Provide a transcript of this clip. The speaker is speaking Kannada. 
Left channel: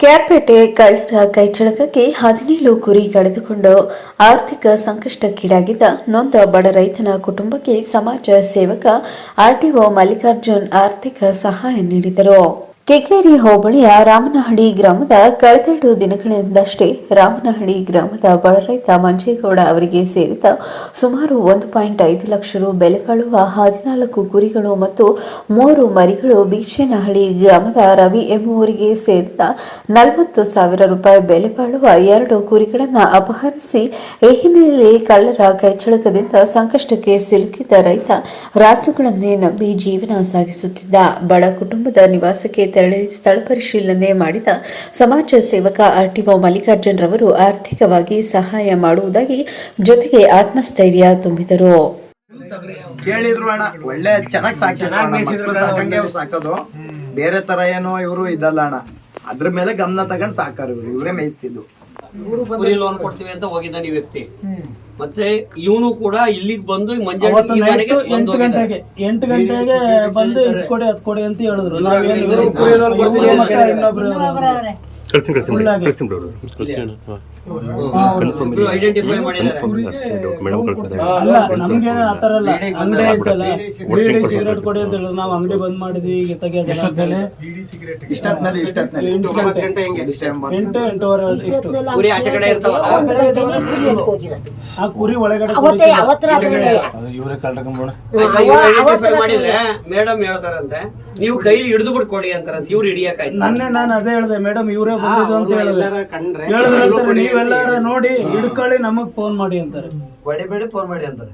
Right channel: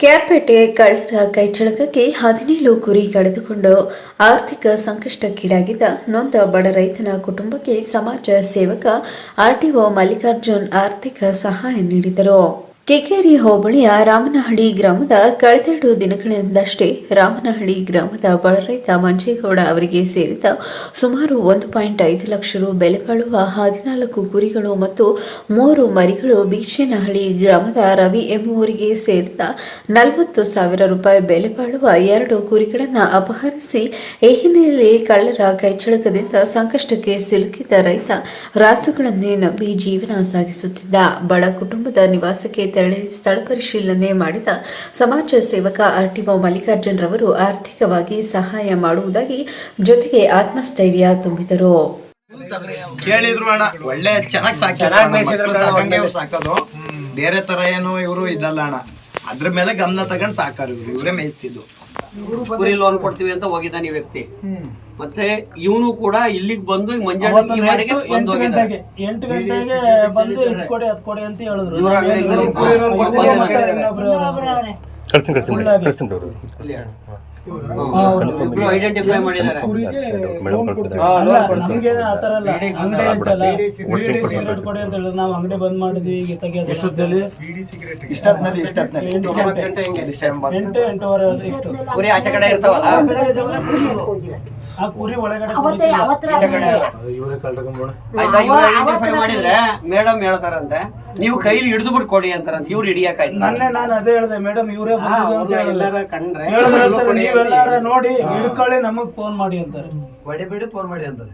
ಕ್ಯಾಪೇಟೆ ಕಳ್ಳರ ಕೈಚಳಕಕ್ಕೆ ಹದಿನೇಳು ಕುರಿ ಕಳೆದುಕೊಂಡು ಆರ್ಥಿಕ ಸಂಕಷ್ಟಕ್ಕೀಡಾಗಿದ್ದ ನೊಂದ ಬಡ ರೈತನ ಕುಟುಂಬಕ್ಕೆ ಸಮಾಜ ಸೇವಕ ಆರ್ಟಿಒ ಮಲ್ಲಿಕಾರ್ಜುನ್ ಆರ್ಥಿಕ ಸಹಾಯ ನೀಡಿದರು. ಕೆಕೇರಿ ಹೋಬಳಿಯ ರಾಮನಹಳ್ಳಿ ಗ್ರಾಮದ ಕಳೆದೆರಡು ದಿನಗಳಿಂದಷ್ಟೇ ರಾಮನಹಳ್ಳಿ ಗ್ರಾಮದ ಬಡ ರೈತ ಮಂಜೇಗೌಡ ಅವರಿಗೆ ಸೇರಿದ ಸುಮಾರು ಒಂದು ಪಾಯಿಂಟ್ ಐದು ಲಕ್ಷ ರು ಬೆಲೆ ಬಾಳುವ ಹದಿನಾಲ್ಕು ಕುರಿಗಳು ಮತ್ತು ಮೂರು ಮರಿಗಳು ಬೀಚೇನಹಳ್ಳಿ ಗ್ರಾಮದ ರವಿ ಎಂಬುವರಿಗೆ ಸೇರಿದ ನಲವತ್ತು ಸಾವಿರ ರೂಪಾಯಿ ಬೆಲೆ ಬಾಳುವ ಎರಡು ಕುರಿಗಳನ್ನು ಅಪಹರಿಸಿ ಈ ಹಿನ್ನೆಲೆಯಲ್ಲಿ ಕಳ್ಳರ ಕೈಚಳಕದಿಂದ ಸಂಕಷ್ಟಕ್ಕೆ ಸಿಲುಕಿದ್ದ ರೈತ ರಾಸುಗಳನ್ನೇ ನಂಬಿ ಜೀವನ ಸಾಗಿಸುತ್ತಿದ್ದ. ಬಡ ಕುಟುಂಬದ ನಿವಾಸಕ್ಕೆ ತೆರಳಿ ಸ್ಥಳ ಪರಿಶೀಲನೆ ಮಾಡಿದ ಸಮಾಜ ಸೇವಕ ಆರ್ಟಿಒ ಮಲ್ಲಿಕಾರ್ಜುನ್ ರವರು ಆರ್ಥಿಕವಾಗಿ ಸಹಾಯ ಮಾಡುವುದಾಗಿ ಜೊತೆಗೆ ಆತ್ಮಸ್ಥೈರ್ಯ ತುಂಬಿದರು. ಕೇಳಿದ್ರು ಅಣ್ಣ ಒಳ್ಳೆ ಚೆನ್ನಾಗಿ ಸಾಕಿ ಸಾಕೋದು. ಬೇರೆ ತರ ಏನೋ ಇವರು ಇದಲ್ಲ ಅಣ್ಣ. ಅದ್ರ ಮೇಲೆ ಗಮನ ತಗೊಂಡು ಸಾಕಾರ ಇವರು ಇವರೇ ಮೇಯಿಸ್ತಿದ್ದು. ಕುರಿ ಲೋನ್ ಕೊಡ್ತೀವಿ ಅಂತ ಹೋಗಿದ್ದಾನೆ ಈ ವ್ಯಕ್ತಿ. ಮತ್ತೆ ಇವನು ಕೂಡ ಇಲ್ಲಿಗೆ ಬಂದು ಮಂಜಾಳ ಈ ಮನೆಗೆ ಬಂದು ಎಂಟು ಹೋಗಿದ್ದಾನೆ. ಗಂಟೆಗೆ ಎಂಟು ಗಂಟೆಗೆ ಬಂದು ಇದು ಕೊಡಿ ಅದ್ ಕೊಡಿ ಅಂತ ಹೇಳಿದ್ರು. ಇವ್ರ ಅಂಗಡಿಯಿಂದ. ಕಳಿಸ್ತೀನಿ ಕಳಿಸ್ತೀನಿ ಕಳಿಸ್ತೀನಿ. ಐಡೆಂಟಿಫೈ ಮಾಡಿದ್ದಾರೆ. ನಮ್ಗೇನು ಆ ಥರ ಇಲ್ಲ. ಅಂಗಡಿ ಐತಲ್ಲ ಒಟ್ಟಿಗೆ ಬೀಡಿ ಕೊಡ್ತಾರೆ. ಸಿಗರೇಟ್ ಕೊಡಿ ಅಂತ ಹೇಳಿದ್ರೆ ನಾವು ಅಂಗಡಿ ಬಂದ್ ಮಾಡಿದ್ವಿ ಈಗ ತೆಗಿಯೋದು ಎಷ್ಟೊತ್ತಿನಲ್ಲಿ ಇಷ್ಟೊತ್ತಿನಲ್ಲಿ ಇಷ್ಟೊತ್ತಿನಲ್ಲಿ ಎಂಟು ಗಂಟೆ. ಎಂಟೂವರೆ ಸಿಕ್ತು ಕುರಿ ಆಚೆ ಕಡೆ ಇರ್ತಾವಲ್ಲ? ಆ ಕುರಿ ಒಳಗಡೆ ಐಡೆಂಟಿಫೈ ಮಾಡಿದ್ರೆ ಮೇಡಮ್ ಹೇಳ್ತಾರಂತೆ ನೀವು ಕೈಲಿ ಹಿಡಿದು ಬಿಟ್ಟು ಕೊಡಿ ಅಂತಾರಂತೆ. ಇವ್ರು ಹಿಡಿಯಕಾಯ್ತು ನನ್ನ ನಾನು ಅದೇ ಹೇಳಿದೆ ಮೇಡಮ್ ಇವರೇ ಬಂದಿದ್ದು ಅಂತ ಹೇಳಿದ್ರೆ ಕಂಡ್ರೆ ನೀವೆಲ್ಲಾರ ನೋಡಿ ಹಿಡ್ಕೊಳ್ಳಿ ನಮಗ್ ಫೋನ್ ಮಾಡಿ ಅಂತಾರೆ. ಹೊಡಿಬೇಡಿ ಫೋನ್ ಮಾಡಿ ಅಂತಾರೆ.